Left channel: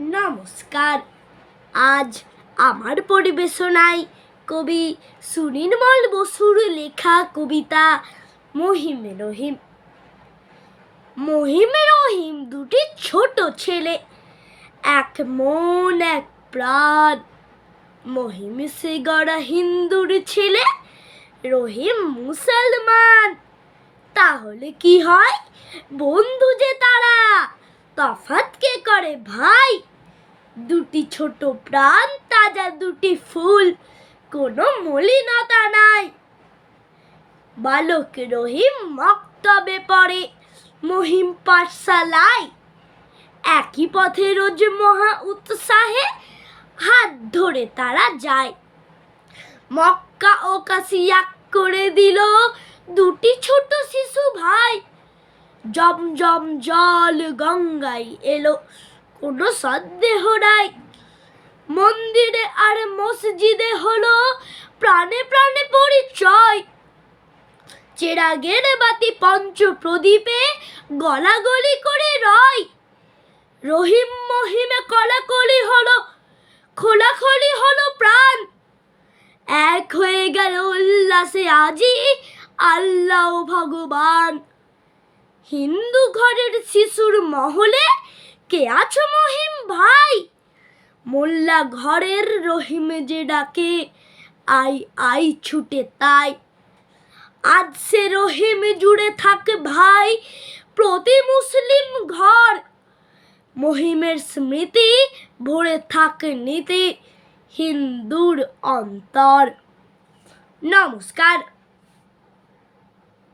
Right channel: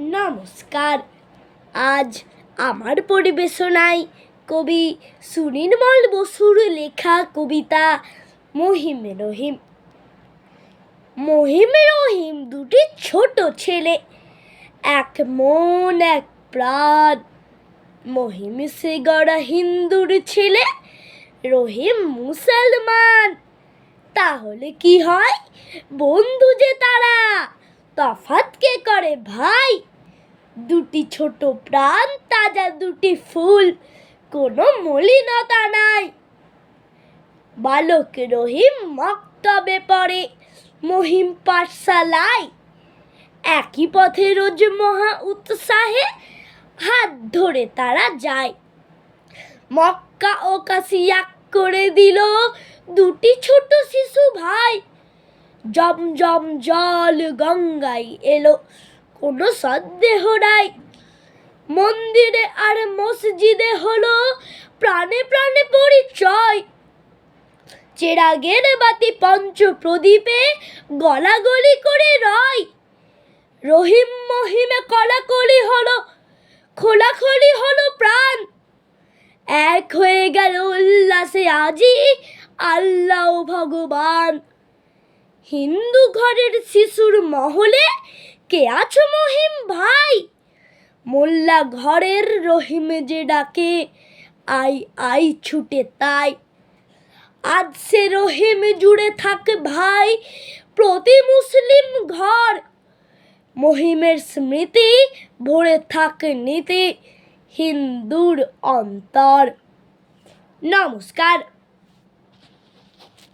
নমস্কার। আজ আমার পরিবেশনায় কবি সুনির্মল বসুর লেখা কবিতা মহিমে রহিম। মহিমে রহিম দুটি ছোট ছেলে, এক মন এক প্রাণ। মহিম সে গড়া হিন্দুর ছেলে, রহিম মুসলমান। তাহলে কি হয়? বন্ধু যে তারা, তফাৎ কে করে ভাই? দুটি ছোট প্রাণ, তাজা দুটি ফুল, কোনো মলিনতা নাই। বালক রহিম মক্তবে পড়ে, মহিম পাঠশালায়। একই পথে রোজ মহা উৎসাহে হাত ধরে তারা যায়। মক্কা ও কাশী এক করে দিল দুটি ছোট শিশু ভাই। জমজম জল গঙ্গায় এলো, কোনো সন্দেহ নাই। মন্দিরে আর মসজিদে হলো প্রাণে প্রাণে পরিচয়। চেরাগের বাতি পঞ্চ প্রদীপে গলাগলি করে রয়। রহিম মহিমে কলাকলি হলো, খোলাখলি হলো প্রাণ। এক হয়ে গেল উল্লাসে আজি আল্লাহ ভগবান। হিন্দু ঘরের শিশুর মহলে কে আছো মহিম ভাই? মোল্লা ঘরের রহিম যে ডাকে, আই আই ছুটে তাই। আজ সে রহিম জুড়ে থাকে ভাই প্রতি মুসলিম ঘর। মহিমের স্মৃতি ভরে থাকে নীতি হিন্দুর অন্তর। নমস্কার।